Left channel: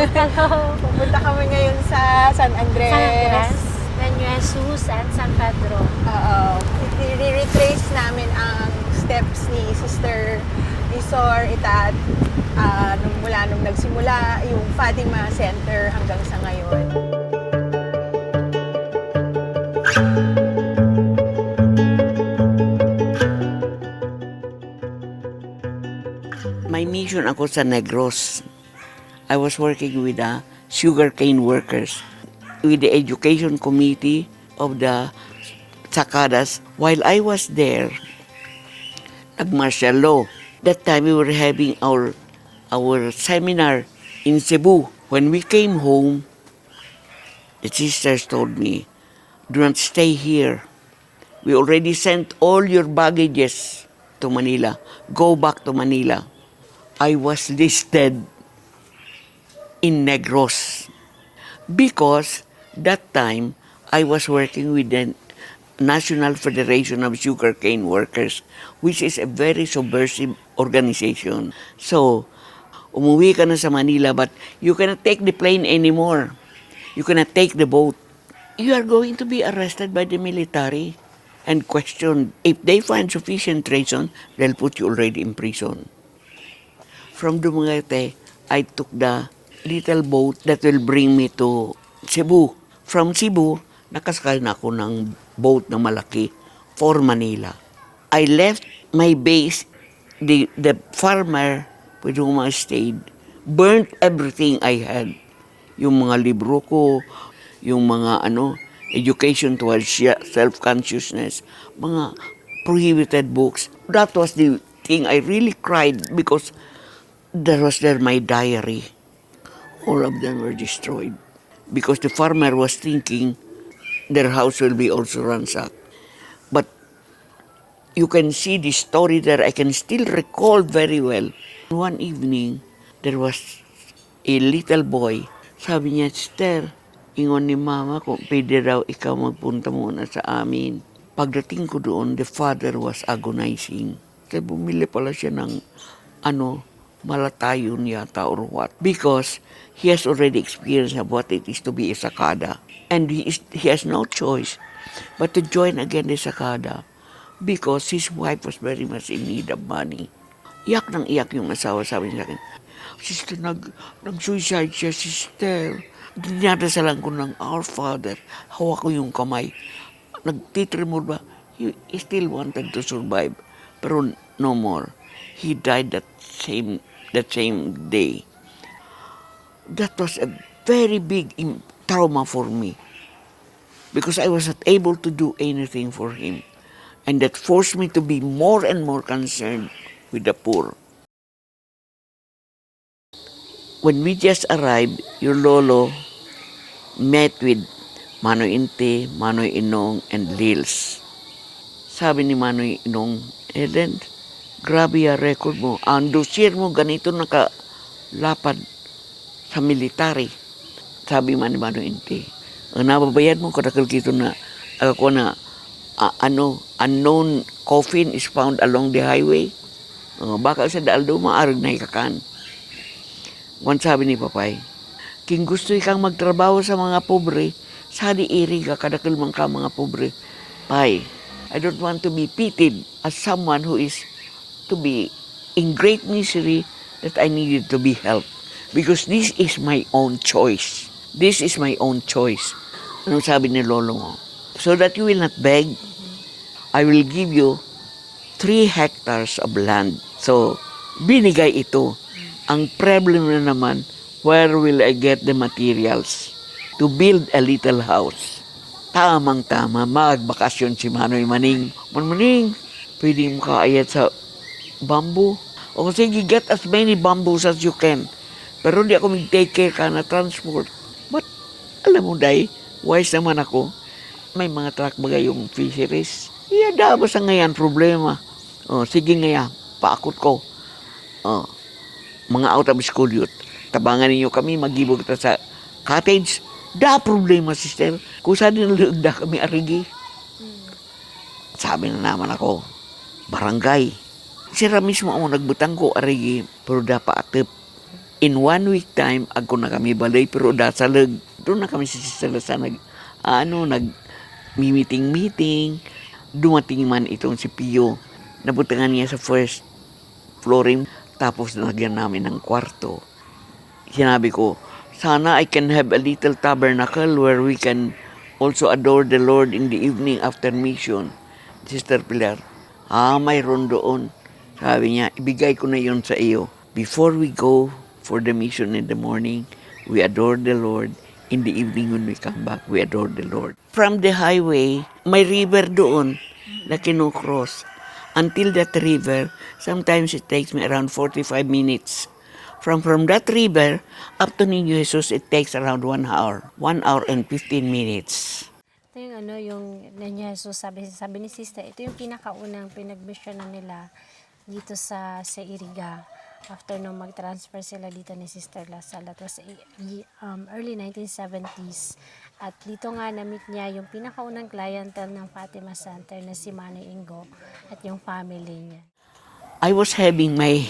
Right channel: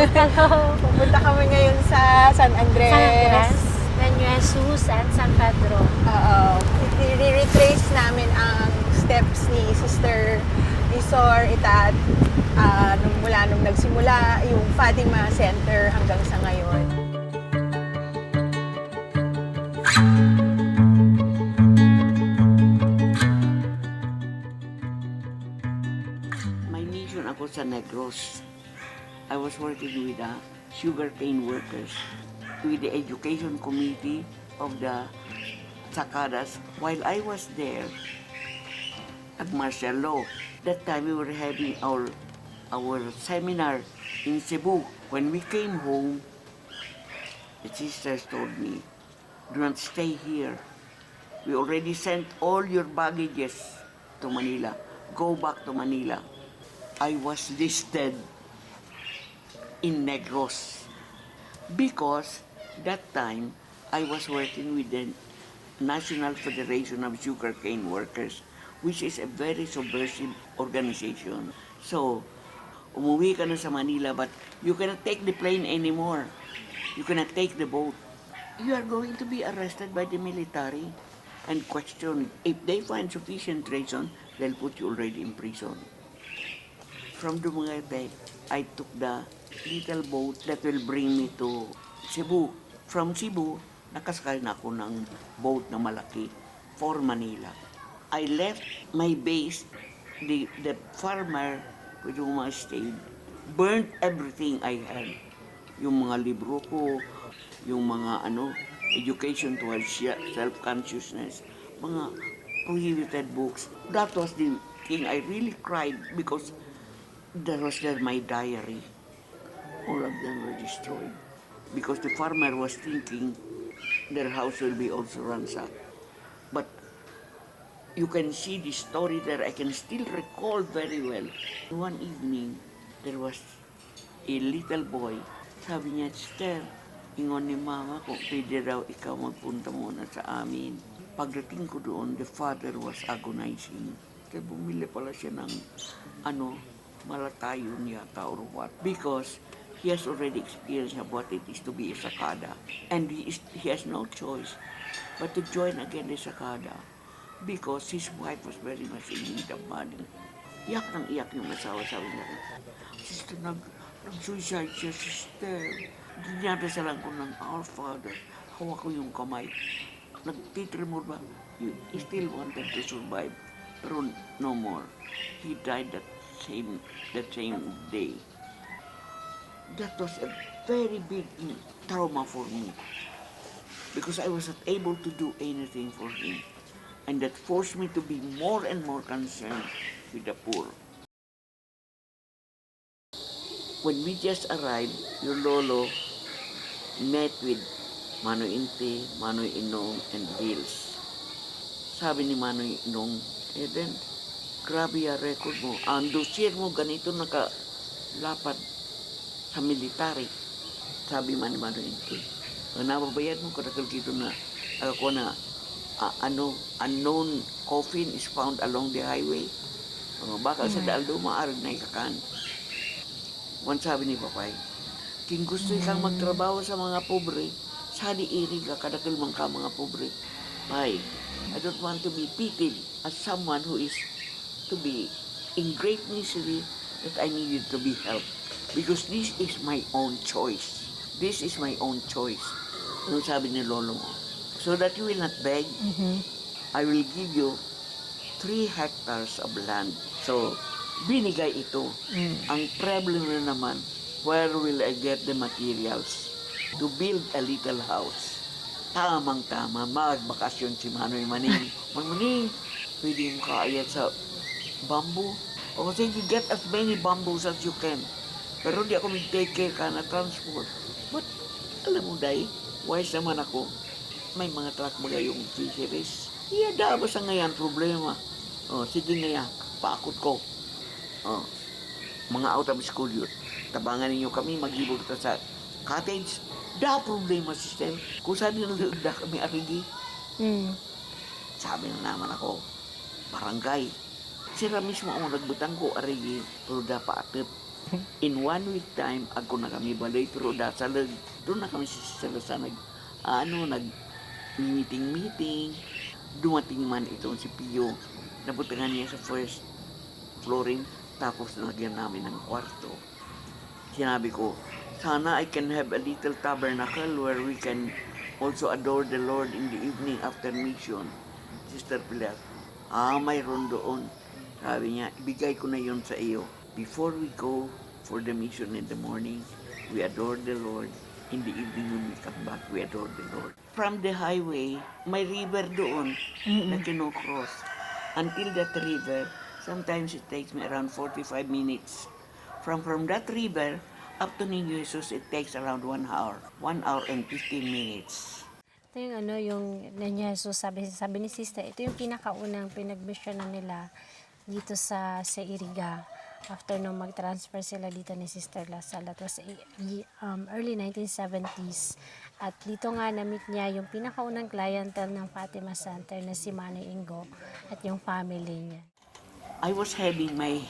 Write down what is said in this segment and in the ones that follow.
Pupunta kami ngayon sa San Andres. San Andres, San Jesus, and San Pedro. Oo. I-retrace namin ang steps ni Sister Isor Itat mula nung nagsimula yung Fatima Center hanggang sa ngayon. May mission ako sa Negros. I was working with the sugarcane workers, with the education committee of the Sakadas. While I was there, nag-martial law. That time we were having our seminar in Cebu. When we came home, the sisters told me, do not stay here. We already sent all your baggages to Manila. Go back to Manila. I was listed in Negros because that time I was working with the National Federation of Sugarcane Workers, which is a very subversive organization. So, umuwi ka na sa Manila, but you cannot take the plane anymore. You cannot take the boat. You are going to be arrested by the military and questioned. If they find sufficient reason, they'll put you already in prison. From Dumaguete, I took the little boat that will bring me to Cebu. From Cebu, nakasakay na ako ng boat na malaki for Manila. I left my base, the farmer with whom I stayed, burnt everything I had. Yung mga libro ko, yung mga education towards self-consciousness, mga prohibited books. That was the thing I really cried because there was my diary. All of them were destroyed because the farmer was thinking their house will be also ransacked. But you can see the story there. I can still recall very well. One evening, there was a little boy. Sabi niya, Sister, ingon ni Mama kung pwede raw ikaw magpunta muna sa amin. Pagdating ko doon, the father was agonizing. Kaya bumili pala siya ng malatayon yata or what. Because he has already experienced what it is to be a sakada. And he has no choice but to join again the sakada because his wife was very much in need of money. Iyak ng iyak yung asawa, sabi niya sa akin, Sister, nag-suicide siya, Sister. Dinadasalan ko ng Our Father. Hawak ko yung kamay. Nagtitremor ba? He still wanted to survive. Pero no more. He died that same day. That was a very big trauma for me because I was not able to do anything for him. And that forced me to be more and more concerned with the poor. When we just arrived, your lolo met with Manoy Inte, Manoy Inong, and Lils. Sabi ni Manoy Inong, Eden, grabe yung record mo. Ang dossier mo ganito nakalapad sa military. Sabi man ni Manoy Inte, ang nababayad mo kadakal kito na ako na unknown coffin is found along the highway. Baka sa daaldo maarag na ikakan. Once sabi ni Papay, king gusto ikang magtrabaho sa mga pobre, sali iri ka kadakal man ka mga pobre. Pai, I don't want to be pitied as someone who is to be in great misery that I needed to be helped. Because this is my own choice. This is my own choice. Ano sabi ni Lolo mo? So that you will not beg, I will give you 3 hectares of land. So, binigay ito. Ang problem na naman, where will I get the materials to build a little house? Tamang-tama, magbakasyon si Manoy Maning. Maning, pwede mo kaayat sa bamboo. O sige, get as many bamboos as you can. Pero di ako mag-take care ka na transport. But, alam mo, Day, wise naman ako. May mga truck bagay yung fisheries. Iyada ba sa ngayon problema? Sige ngayon, paakot ko. Mga out of school youth. Tabangan ninyo kami, mag-ibo kita sa cottage. Da problema, sister. Kung saan nilalagda kami arigi. Sabi na naman ako, barangay. Sira mismo ang nagbutang ko arigi, pero da paatip. In 1 week time, ako na kami balay, pero dasalag, doon na kami sa Sister Lasa meeting. Dumating man itong si Pio. Nabutangan niya sa first flooring, tapos nalagyan namin ng kwarto. Sinabi ko, sana I can have a little tabernacle where we can also adore the Lord in the evening after mission. Sister Pilar, mayroon doon. Sabi niya, ibigay ko na yon sa iyo. Before we go for the mission in the morning, we adore the Lord. In the evening when we come back, we adore the Lord. From the highway, may river doon na kinukross. Until that river, sometimes it takes me around 45 minutes. From that river up to Niño Jesus, it takes around 1 hour. 1 hour and 15 minutes. Ito yung yung Niño Jesus, sabi ni Sister, ito yung pinakaunang pinag-missionan nila dito sa Iriga. After nung mag-transfer sila dito ni Sister Lasal, that was early 1970s. At dito nga na-meet niya yung pinakaunang clientele ng Fatima Center na si Manny Ingo at yung family niya. I was having my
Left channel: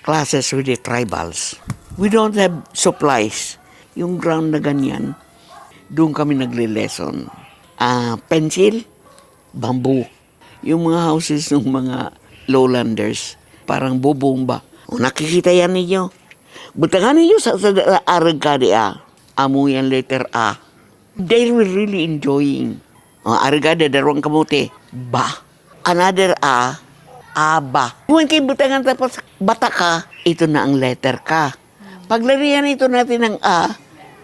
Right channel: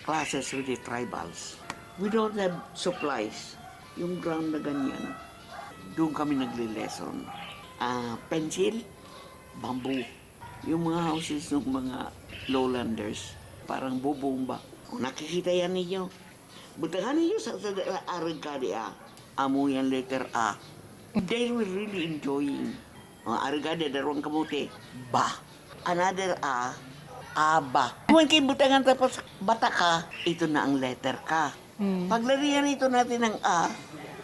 classes with the tribals. We don't have supplies. Yung ground na ganyan, doon kami nagle-lesson. Pencil, bamboo. Yung mga houses ng mga lowlanders, parang bubong ba. O, nakikita yan ninyo. Butangan ninyo sa arag ka di amo yan letter A. They were really enjoying. Arag ka di, darwang kamote. Ba. Another A, aba. Kung kayo butangan tapos bata ka, ito na ang letter ka. Paglarihan ito natin ng A,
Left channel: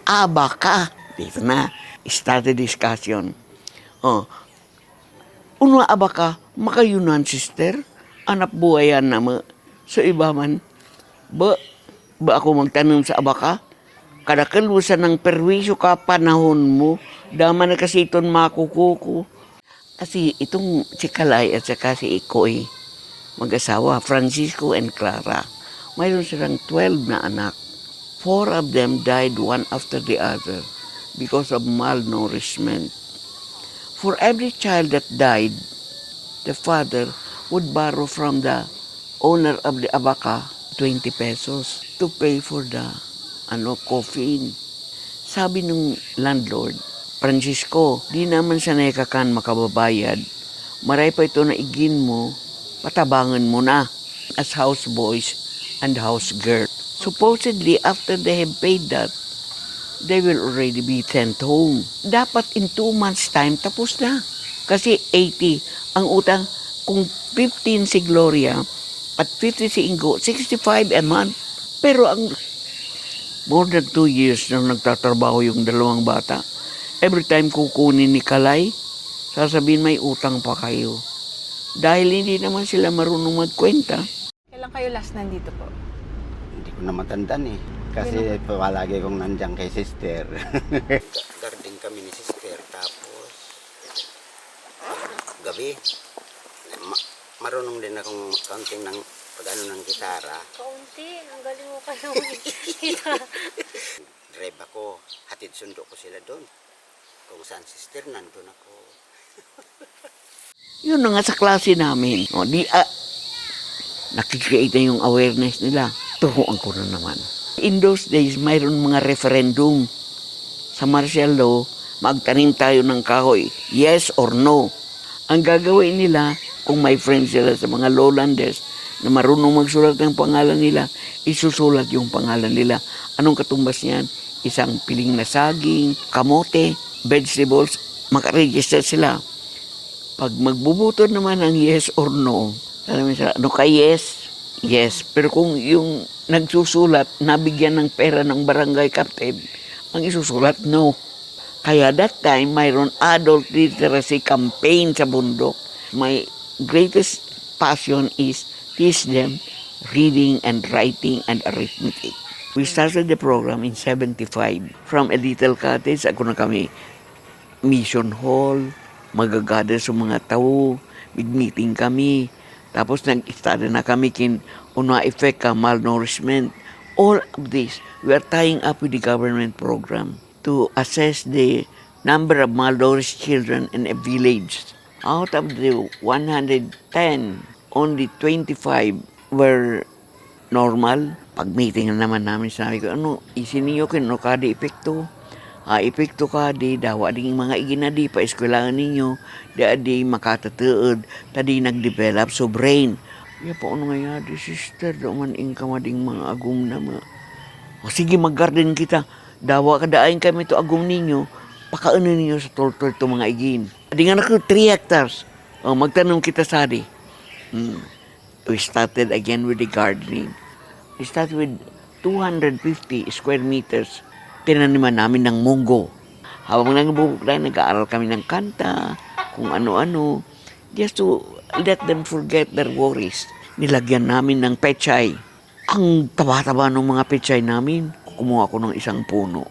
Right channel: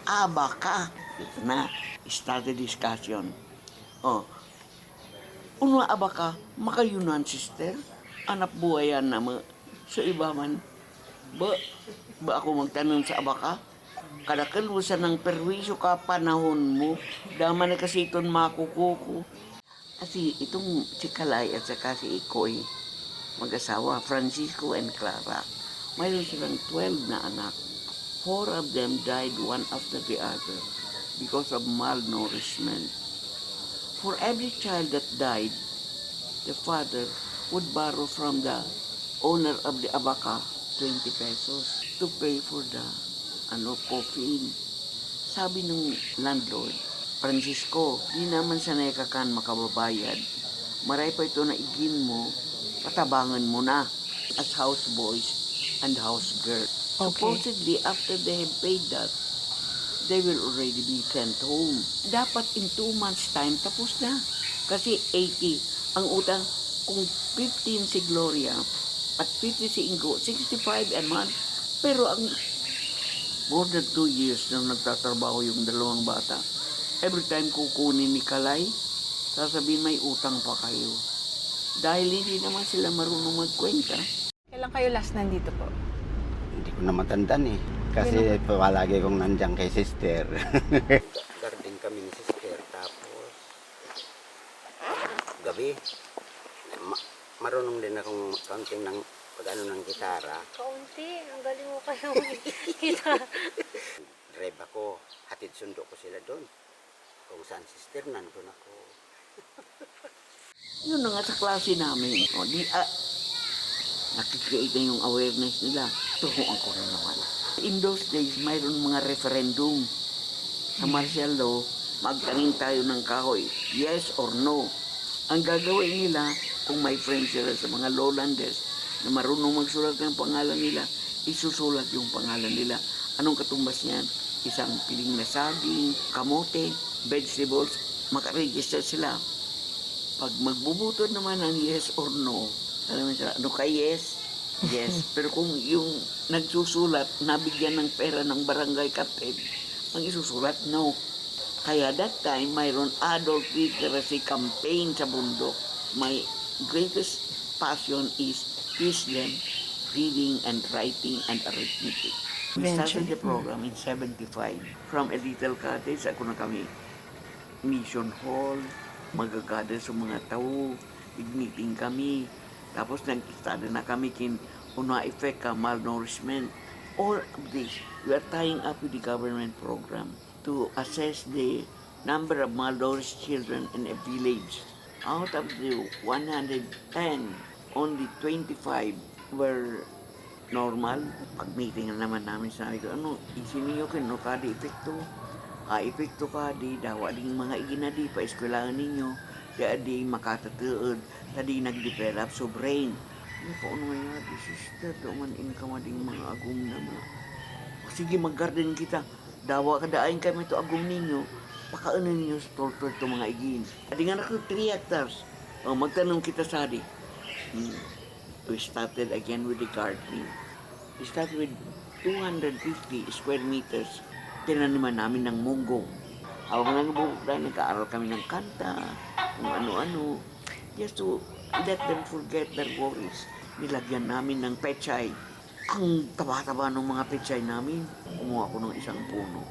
aba ka. Dito na, start the discussion. Uno aba ka, makayunan sister, anak buhayan na mo. So iba man, ba ako magtanong sa aba ka? Kada kalusan ng perwisyo ka panahon mo, dama na kasi itong makukuko. Kasi itong si Kalay at saka si Ikoy, mag-asawa, Francisco and Clara, mayroon silang 12 na anak. 4 of them died one after the other because of malnourishment. For every child that died, the father would borrow from the owner of the abaka 20 pesos to pay for the coffin. Sabi ng landlord, Francisco, di naman sanay ka kan makababayad. Maray pa ito na igin mo, patabangan mo na as houseboys and house girl. Okay. Supposedly, after they have paid that, they will already be sent home. Dapat in 2 months' time, tapos na. Kasi 80 ang utang. Kung 15 si Gloria at 50 si Ingo, 65 a month. Pero ang more than 2 years na nagtatrabaho yung dalawang bata, every time kukunin ni Kalay, sasabihin may utang pa kayo. Dahil hindi naman sila marunong magkwenta. Kailan kayo last nandito po? Hindi ko na matandaan eh. Kasi palagi kong nandiyan kay sister. Garden kami ni sister. Tapos, gabi, marunong din akong counting ng pag-ano ng gitara. Kaunti, ang galing mo kayo kita. Drive ako, hatid sundo ko sila doon. Kung saan sister, nandun ako. Yun na nga sa klase namin. Nakikreate na yung awareness nila. Tuhuan ko na naman. In those days, mayroon mga referendum. Sa martial law, magtanim tayo ng kahoy. Yes or no. Ang gagawin nila, kung may friends sila sa mga lowlanders na marunong magsulat ng pangalan nila, isusulat yung pangalan nila. Anong katumbas niyan? Isang piling na saging, kamote, vegetables, makaregister sila. Pag magbubuto naman ng yes or no, alam mo sila, ano ka yes? Yes. Pero kung yung nagsusulat, nabigyan ng pera ng barangay captain, ang isusulat, no. Kaya that time, mayroon adult literacy campaign sa bundok. My greatest passion is teach them reading and writing and arithmetic. We started the program in 75. From a little cottage, ako na kami, mission hall, magagather sa mga tao, meeting kami. Tapos nag-start na kami una effect ka malnourishment. All of this, we are tying up with the government program to assess the number of malnourished children in a village. Out of the 110, only 25 were normal. Pag meeting na naman namin, sabi ko, isin niyo kino ka di epekto. Epekto ka di, dawa ding mga iginadi pa eskwelahan ninyo, di makatatuod, tadi nag-develop so brain. Ya po, ano nga di sister, daman ka mading mga agum na mga. O sige, mag-garden kita. Dawa kadain kami to agum ninyo, pakaanan ninyo sa tortor to mga igin. Di nga na 3 hectares. Magtanong kita sa di. We started again with the gardening. We started with 250 square meters. Tinaniman namin ng munggo. Habang nangbubukla, nag-aaral kami ng kanta, kung ano-ano. Just to let them forget their worries. Nilagyan namin ng pechay. Ang taba-taba ng mga pechay namin, kumuha ko ng isang puno.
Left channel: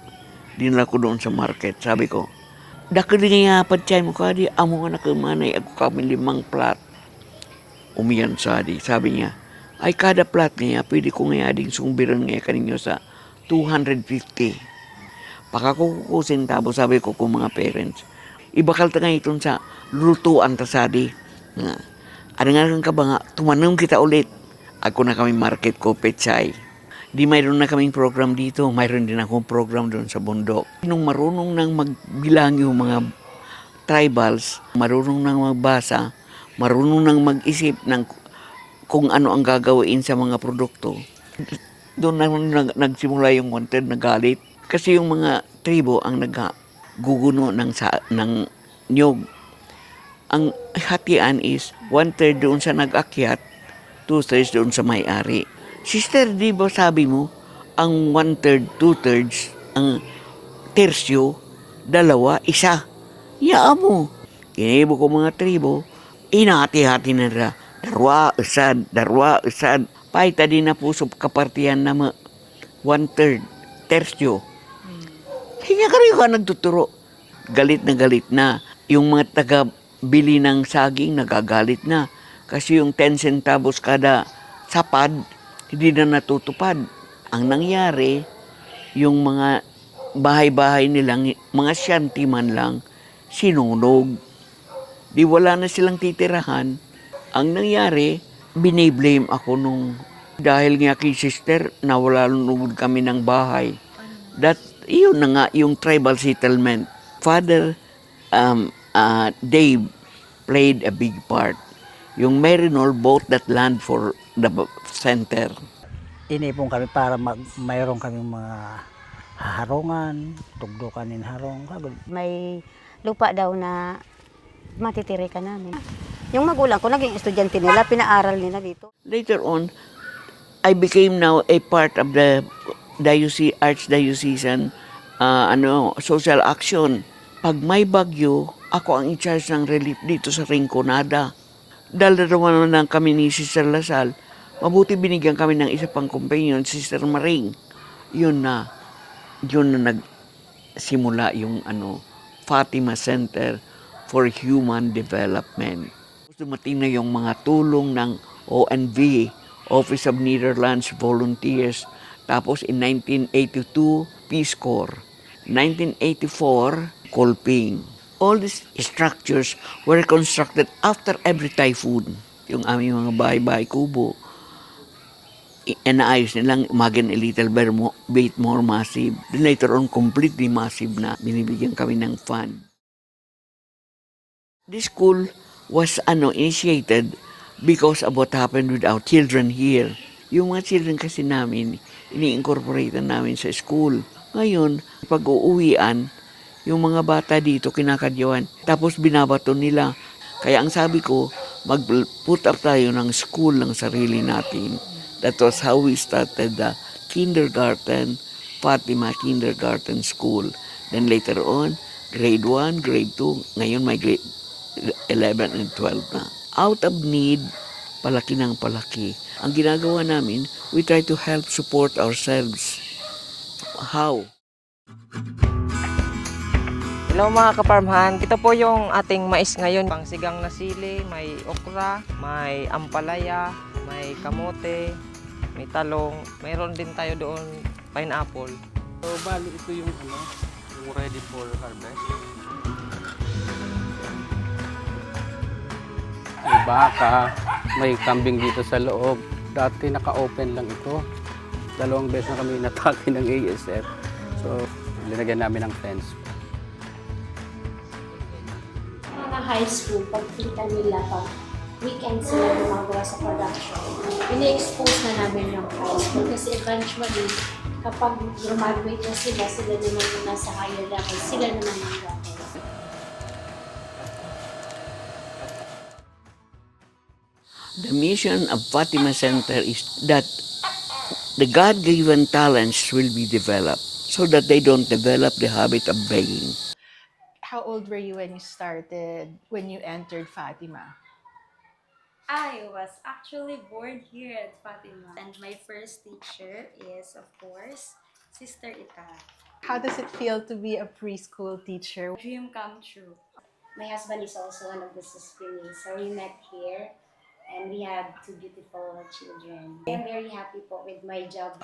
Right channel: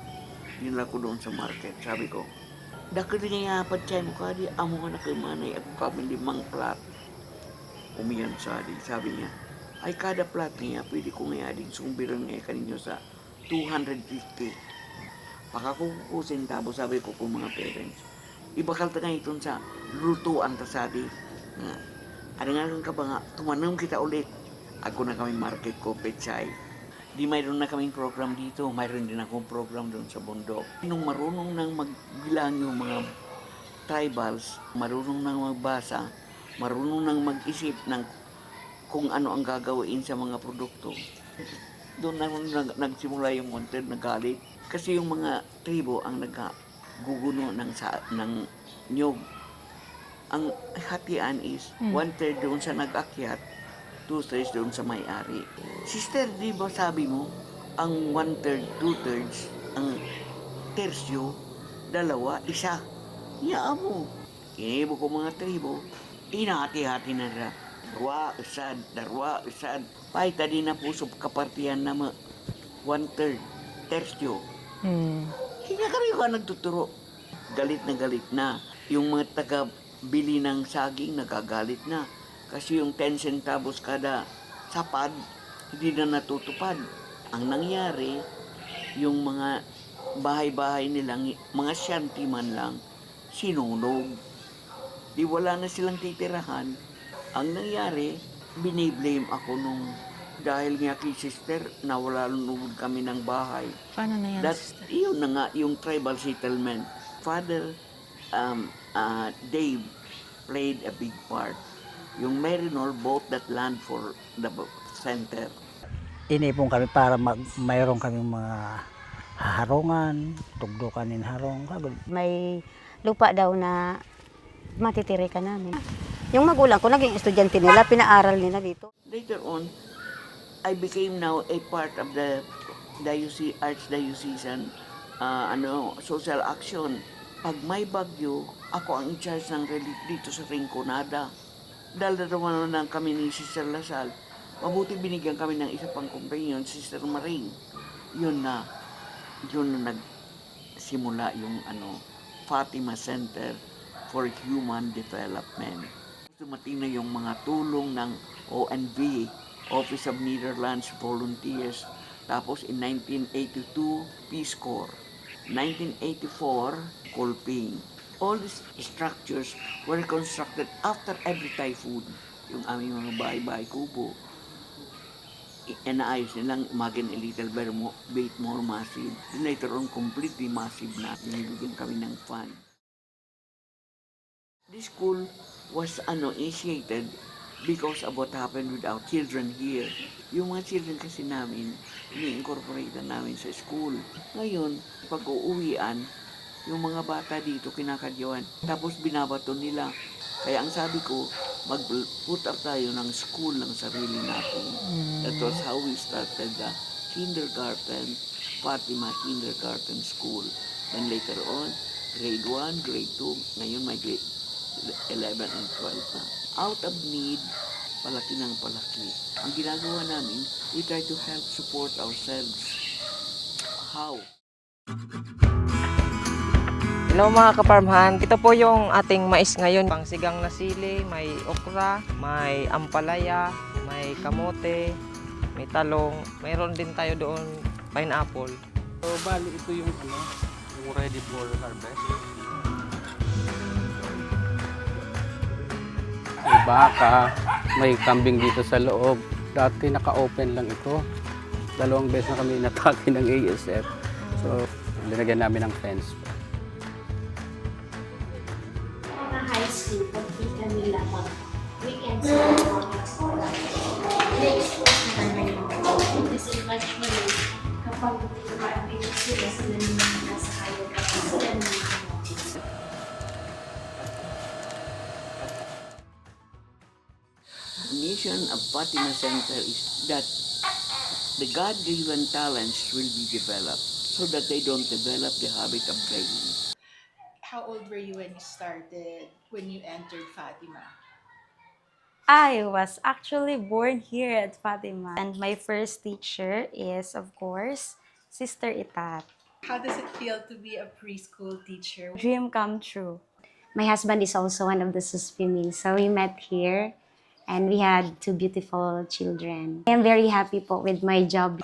Dinala ko doon sa market. Sabi ko, dakili nga pechay mo ka di, amo nga nakamanay, ako kami 5 plat. Umiyan sa di. Sabi niya, ay kada plat niya, pwede ko nga ding sumbiran nga kaninyo sa 250. Pakakukusin tapos sabi ko kung mga parents, ibakal ta nga iton sa lutuan ta sadi. Ano nga ka ba nga, tumanong kita ulit. Ako na kami market ko, pechay. Di mayroon na kaming program dito, mayroon din akong program doon sa bundok. Nung marunong nang magbilang yung mga tribals, marunong nang magbasa, marunong nang mag-isip ng kung ano ang gagawin sa mga produkto. Doon na nagsimula yung wanted na galit. Kasi yung mga tribo ang nagguguno ng nyog. Ang hatian is 1/3 doon sa nag-akyat, 2/3 doon sa may-ari. Sister, di ba sabi mo, ang 1/3, 2/3, ang tersyo, 2, 1. Yaan mo. Kinibo ko mga tribo, inahati-hati na ra. Darwa, usad. Paita din na po sa kapartiyan na 1/3, tersyo. Kaya kayo ka nagtuturo. Galit na. Yung mga taga-bili ng saging, nagagalit na. Kasi yung 10 centavos kada sapad, hindi na natutupad. Ang nangyari, yung mga bahay-bahay nilang, mga shanty man lang, sinunog. Di wala na silang titirahan. Ang nangyari, biniblame ako nung dahil nga kay sister, nawala lunod kami ng bahay. Paano na yan? Yun na nga, yung tribal settlement. Father Dave played a big part. Yung Marinol bought that land for the center. Inipon kami para mayroon kami mga harungan, tugdukan harong. May lupa daw na matitirikan namin. Yung magulang ko, naging estudyante nila, pinaaral nila dito. Later on, I became now a part of the Archdiocesan social action. Pag may bagyo, ako ang in-charge ng relief dito sa Rinconada. Dalawa na kami ni Sister Lasal. Mabuti binigyan kami ng isa pang companion, Sister Maring. Yun na nagsimula yung Fatima Center for Human Development. Dumating na yung mga tulong ng ONV, Office of Netherlands Volunteers. Tapos in 1982, Peace Corps. 1984, Kolping. All these structures were constructed after every typhoon. Yung aming mga bahay-bahay kubo, naayos nilang maging a little bit more massive. Then later on, completely massive na. Binibigyan kami ng fund. This school was initiated because of what happened with our children here. Yung mga children kasi namin, ini-incorporate namin sa school. Ngayon, pag uuwian, yung mga bata dito kinakadyawan, tapos binabato nila. Kaya ang sabi ko, mag-put up tayo ng school ng sarili natin. That was how we started the kindergarten, Fatima Kindergarten School. Then later on, grade 1, grade 2, ngayon may grade 11 and 12 na. Out of need, palaki ng palaki. Ang ginagawa namin, we try to help support ourselves. How? Hello mga kaparmhan, ito po yung ating mais ngayon. Pangsigang na sili, may okra, may ampalaya, may kamote, may talong. Mayroon din tayo doon pineapple. So bali ito yung yung ready for harvest. May baka, may kambing dito sa loob. Dati naka-open lang ito. 2 beses na kami inatake ng ASF. So, linagyan namin ng fence. Mga high school, pagkita nila pag weekend sila mga sa production, ini-expose na namin yung house. Kasi eventually, kapag graduate na sila, sila naman yung nasa higher level, sila naman yung level. The mission of Fatima Center is that the God-given talents will be developed so that they don't develop the habit of begging. How old were you when you started, when you entered Fatima? I was actually born here at Fatima. And my first teacher is, of course, Sister Itat. How does it feel to be a preschool teacher? Dream come true. My husband is also one of the Suspimi, so we met here and we had 2 beautiful children. I am very happy po with my job.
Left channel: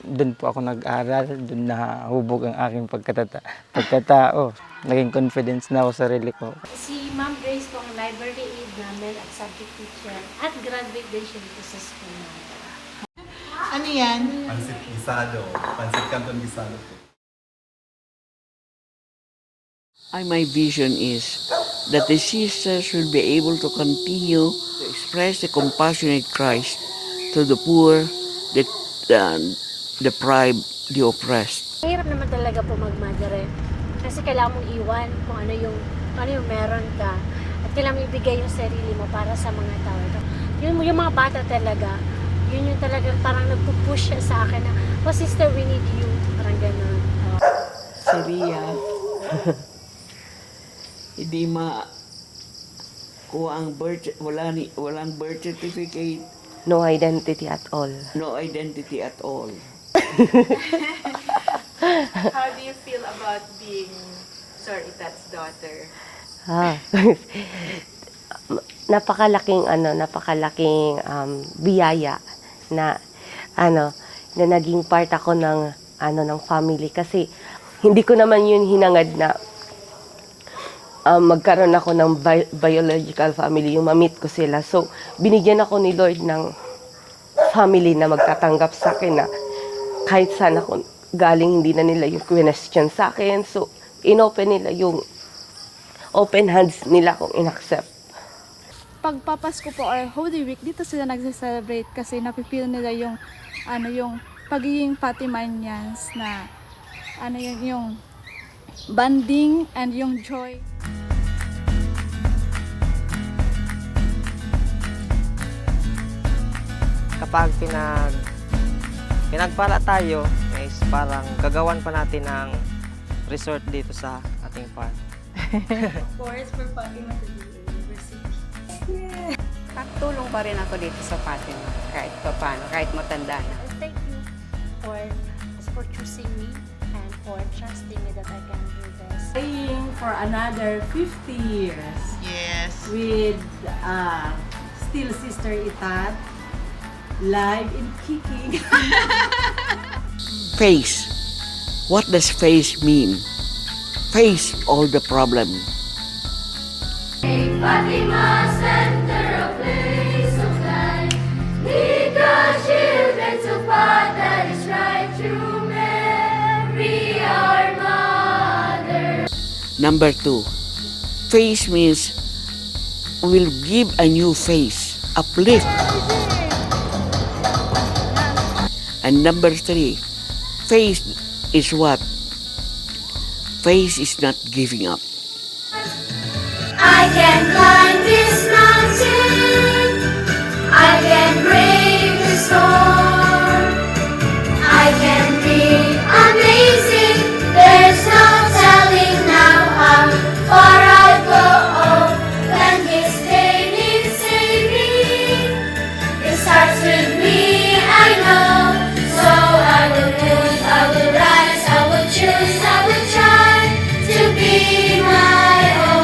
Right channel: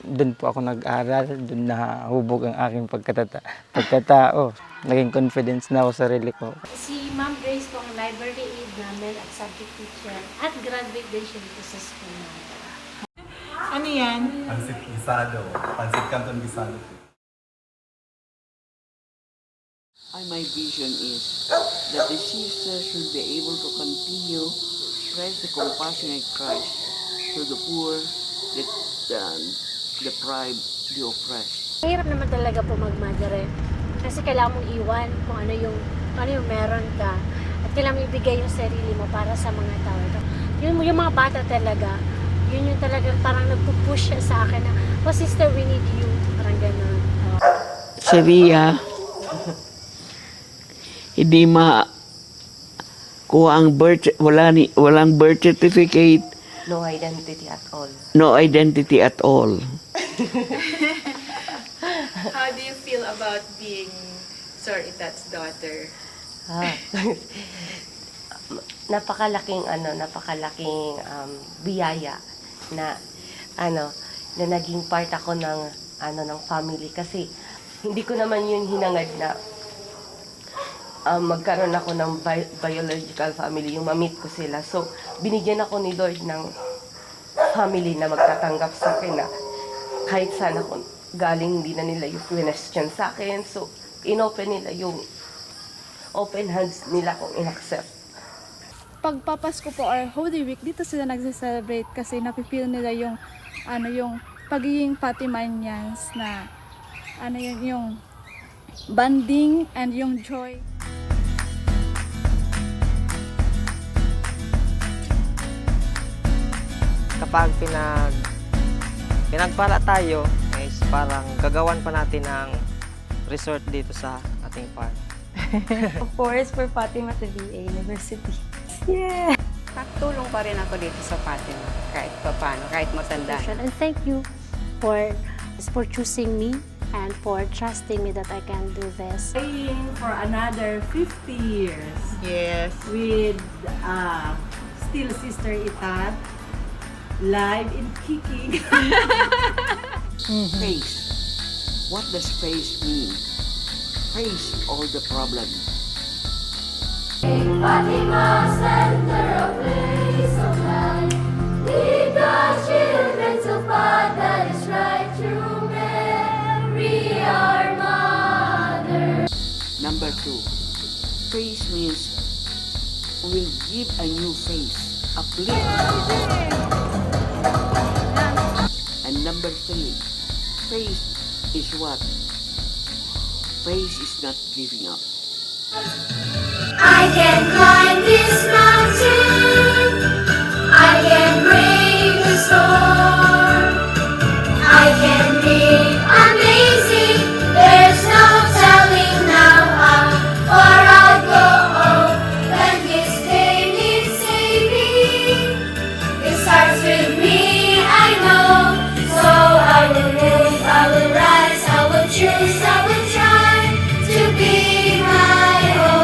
Doon po ako nag-aral, doon nahubog ang aking pagkatao. Naging confidence na ako sa sarili ko. Si Ma'am Grace po ang library aid namin at subject teacher at graduate din siya dito sa school namin. Ano yan? Pansit Gisado. Pansit Canton Gisado. My vision is that the sisters will be able to continue to express the compassionate Christ to the poor, the deprived, the oppressed. Hirap naman talaga po mag-mother eh. Kasi kailangan mong iwan kung ano yung meron ka. At kailangan mong ibigay yung sarili mo para sa mga tao. Yung mga bata talaga, yun yung talagang parang nagpupush siya sa akin na, oh sister, we need you. Parang gano'n. Sabiya, hindi kuha ang walang birth certificate. No identity at all. No identity at all. How do you feel about being Sir Itat's daughter? Napakalaking biyaya na na naging part ako ng family kasi hindi ko naman yun hinangad na magkaroon ako ng biological family, yung ma-meet ko sila. So, binigyan ako ni Lord ng family na magtatanggap sa akin na kahit saan ako galing, hindi na nila yung question sa akin. So, inopen nila yung open hands nila kung in-accept. Pagpapasko po or Holy Week, dito sila nagse-celebrate kasi napipil nila yung yung pagiging Fatimanians na yung bonding and yung joy. Kapag pinagpala tayo, is parang gagawan pa natin ng resort dito sa ating park. Of course, for Fatima to be a university. Yeah! Tulong pa rin ako dito sa Fatima, kahit paano, kahit matanda na. And thank you for choosing me and for trusting me that I can do this. Staying for another 50 years. Yes. With still Sister Itat, live in Kiki. Face. What does face mean? Face all the problem. Fatima, center of place of life, lead the children to path that is right through Mary, our mother. Number 2, face means will give a new face, uplift. And number 3, face is what? Face is not giving up. I can climb this mountain, I can brave the storm, I can be amazing, there's no telling now how far I'll go when this day needs saving. It starts with me, I know, so I will move, I will rise, I will choose, I will try to be my own.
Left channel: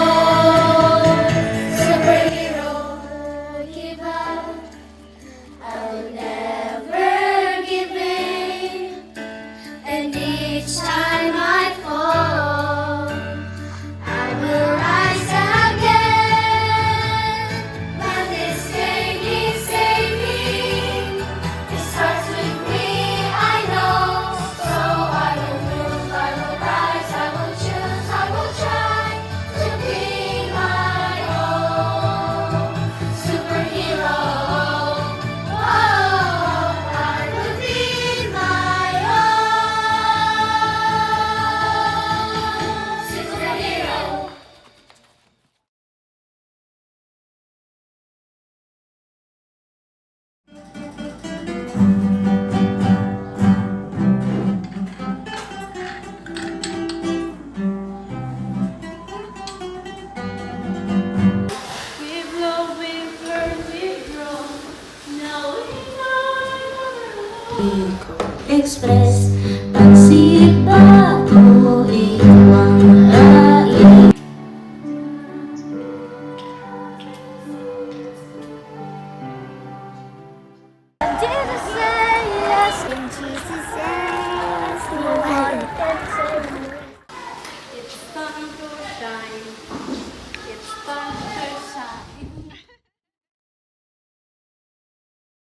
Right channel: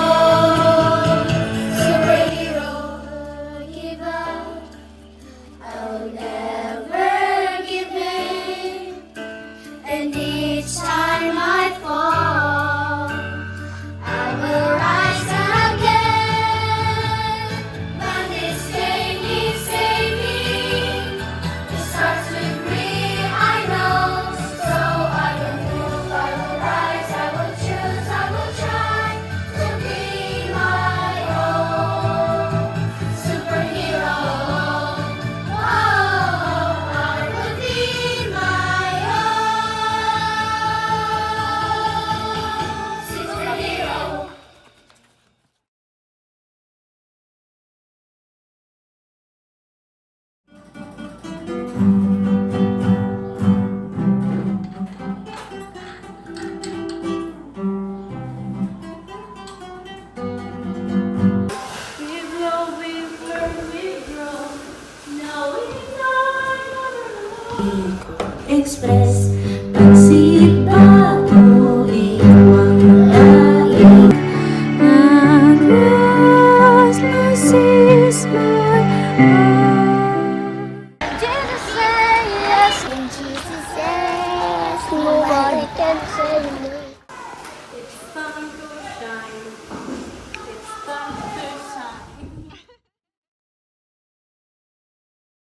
Express pagsilip bago iwang lain. At last, mercies my heart. Jesus say yes, when Jesus says nobody can say no.